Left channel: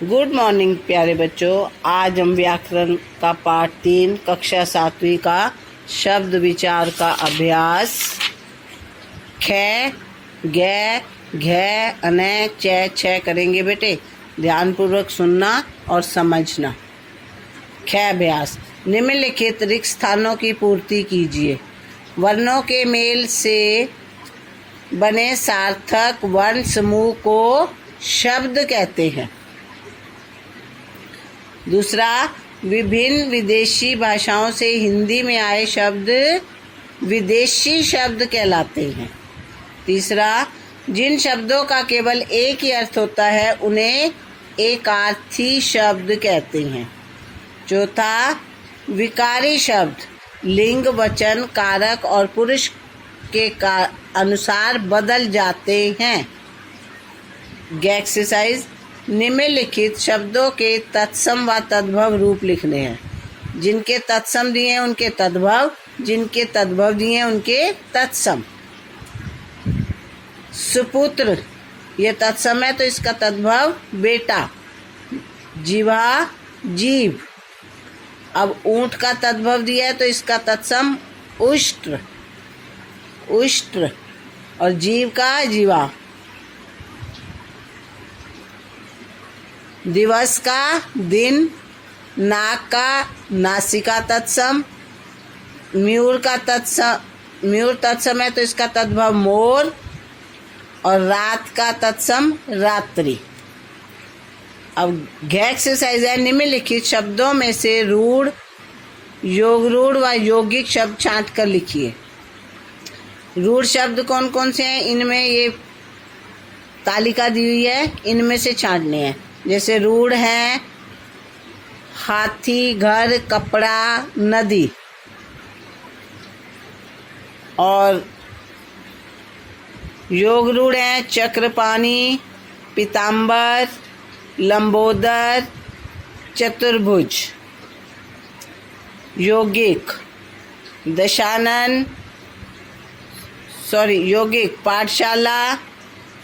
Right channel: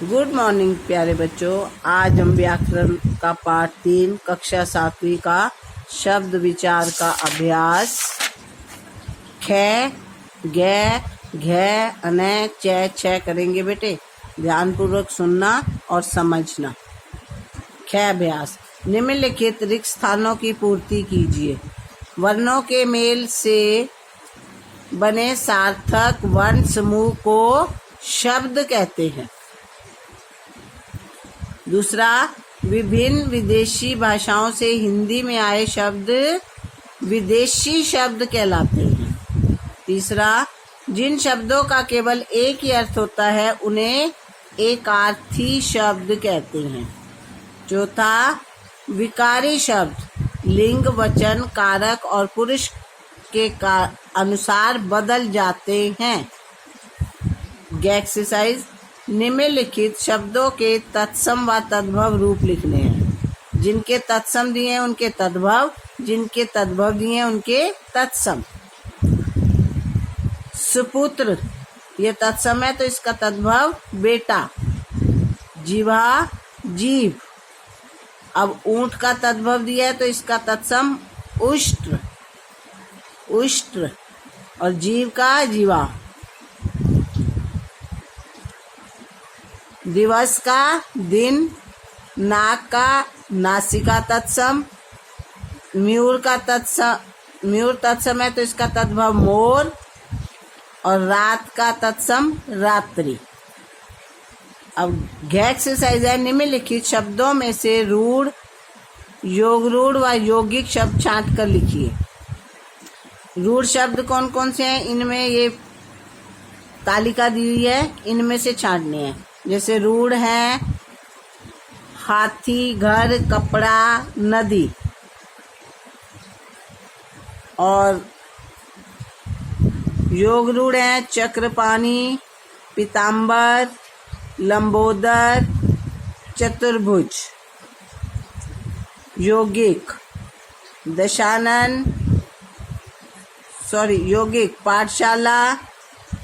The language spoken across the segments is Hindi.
गुड मॉर्निंग प्यारे बच्चों। आज हम व्याकरण का पाठ 3 कक्षा 7वीं का शब्द विचार का अभ्यास ख, ग, घ, अन, च, छ करेंगे बेटे। ध्यानपूर्वक सुनना और समझना। ख अभ्यास। निम्नलिखित रिक्त स्थानों की पूर्ति कीजिए। वर्णों के मेल से बने सार्थक वर्ण समूह को शब्द कहते हैं। दूसरा, विभिन्न विदेशी भाषाओं से हिंदी में आए शब्द विदेशी शब्द कहलाते हैं। तीसरा, जिन शब्दों का केवल एक ही अर्थ होता है उन्हें एकार्थी शब्द कहते हैं। चौथा, विकारी शब्द लिंग, वचन, कारक और पुरुष के अनुसार बदल जाते हैं। एक्सरसाइज। निम्नलिखित शब्दों के तत्सम व तद्भव रूप लिखने हैं। जिनके तत्सम दिए हैं उनके तद्भव, जिनके तद्भव दिए हैं उनके तत्सम। सुपुत्र ये तत्सम है तो इसका तद्भव बेटा। जीवा जीव। अब ऊंट का तद्भव दिया है तो इसका तत्सम उष्ट्र, उष्ट्र। और जीव का जीवा। दिवस का दिन। नाक का नासिका तत्सम। मयूर का तत्सम, मयूर तत्सम है तो इसका तद्भव मोर। और रात का तत्सम रात्रि। अब एक्सरसाइज है। निम्नलिखित शब्दों में से रूढ़, योगरूढ़ व यौगिक शब्द छांट कर लिखिए। रूढ़ शब्द कौन कौन से हैं, इनमें ये तालिका दी हुई है, इनमें से छांटने हैं। जैसे रूढ़ है हाथी, घर, कपड़ा, नदी। और योग रूढ़ है चक्रपाणी, पीताम्बर, लंबोदर, चतुर्भुज। यौगिक दशानन, यौगिक पाठशाला,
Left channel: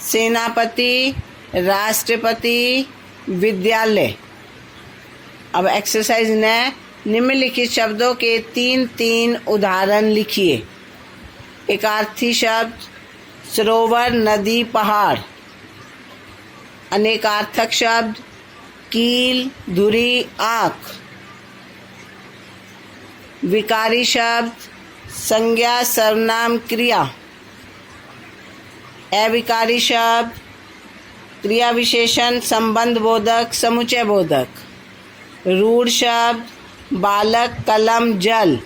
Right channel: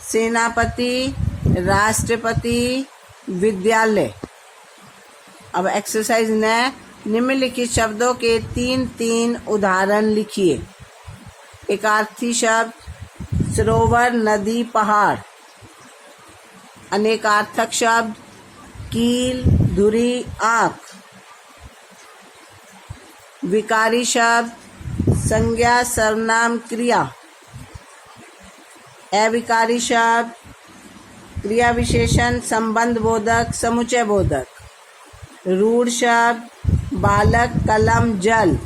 सेनापति, राष्ट्रपति, विद्यालय। अब एक्सरसाइज ने निम्नलिखित शब्दों के 3 उदाहरण लिखिए। एकार्थी शब्द सरोवर, नदी, पहाड़। अनेकार्थक शब्द कील, धुरी, आँख। विकारी शब्द संज्ञा, सर्वनाम, क्रिया। अविकारी शब्द क्रिया विशेषण, संबंध बोधक, समुचय बोधक। रूढ़ शब्द बालक, कलम, जल।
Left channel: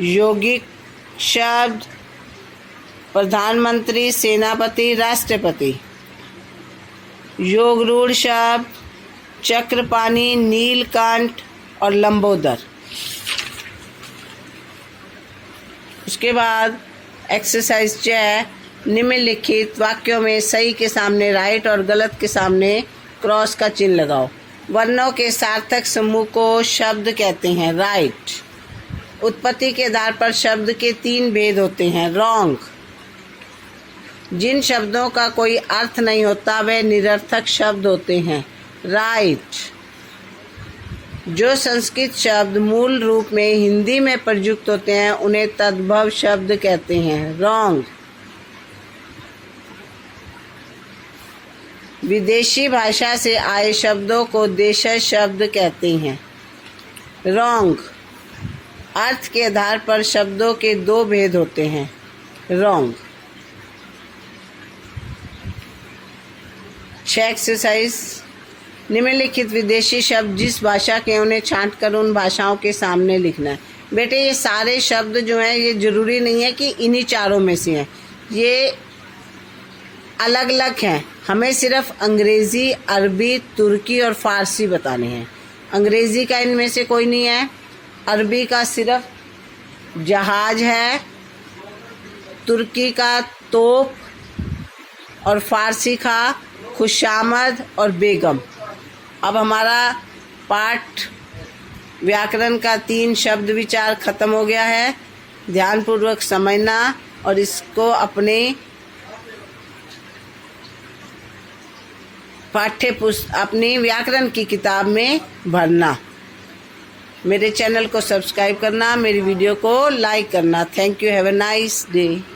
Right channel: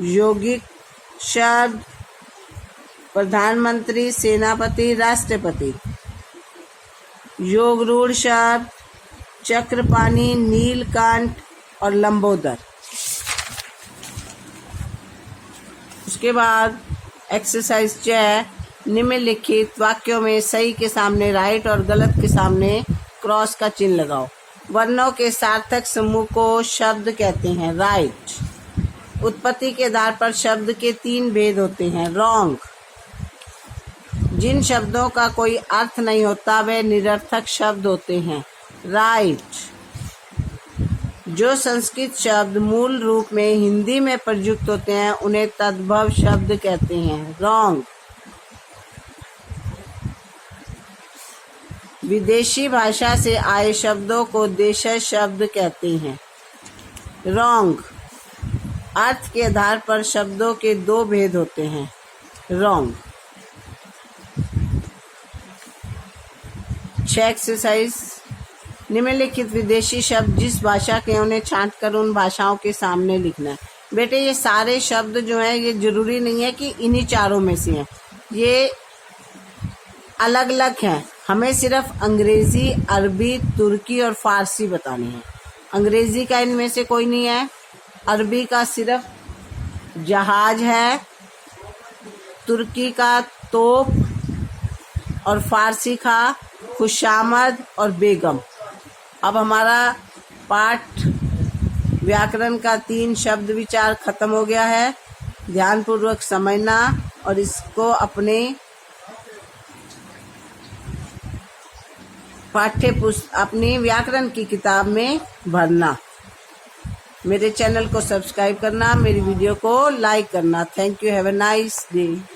यौगिक शब्द प्रधानमंत्री, सेनापति, राष्ट्रपति। योगरूढ़ शब्द चक्रपाणी, नीलकंठ और लंबोदर। उसके बाद एक्सरसाइज 6। निम्नलिखित वाक्यों में सही के सामने राइट और गलत के सामने क्रॉस का चिन्ह लगाओ। वर्णों के सार्थक समूह को शब्द कहते हैं। राइट। उत्पत्ति के आधार पर शब्द के 3 भेद होते हैं। रॉन्ग। जिन शब्दों का कोई अर्थ नहीं होता वे निरर्थक शब्द होते हैं। राइट। जो संस्कृत शब्द मूल रूप में हिंदी में प्रयुक्त होते हैं उन्हें तद्भव शब्द कहते हैं। रॉन्ग। विदेशी भाषा से आए शब्दों को देशज शब्द कहते हैं। रॉन्ग। अर्थ के आधार पर शब्दों के 2 भेद होते हैं। रॉन्ग। 6 एक्सरसाइज। निम्नलिखित विदेशी शब्द जिस भाषा के उन्हें छांट कर उन भाषाओं के सामने लिखना है। बेटे ये सारे शब्द जो हैं ये जरूरी नहीं है कि इन्हीं चारों में से हैं, ये अलग अलग हैं। हमें सिर्फ अंग्रेज़ी, अरबी, तुर्की और फ़ारसी बताने हैं। अंग्रेज़ी का इनमें से कोई नहीं है। अरबी का सिर्फ जहाज है, तुर्की का तोप और फ़ारसी का खुशामद और बेगम। अब हमारा पाठ व्याकरण का 3 शब्द विचार ख़त्म हो गया है। ध्यानपूर्वक समझना और इसको अपने पाठ्य पुस्तक अपनी व्याकरण की किताब में भरना। मेरे चैनल को सब्सक्राइब करना, मेरी वीडियो को लाइक करना। Thank you. Have a nice day.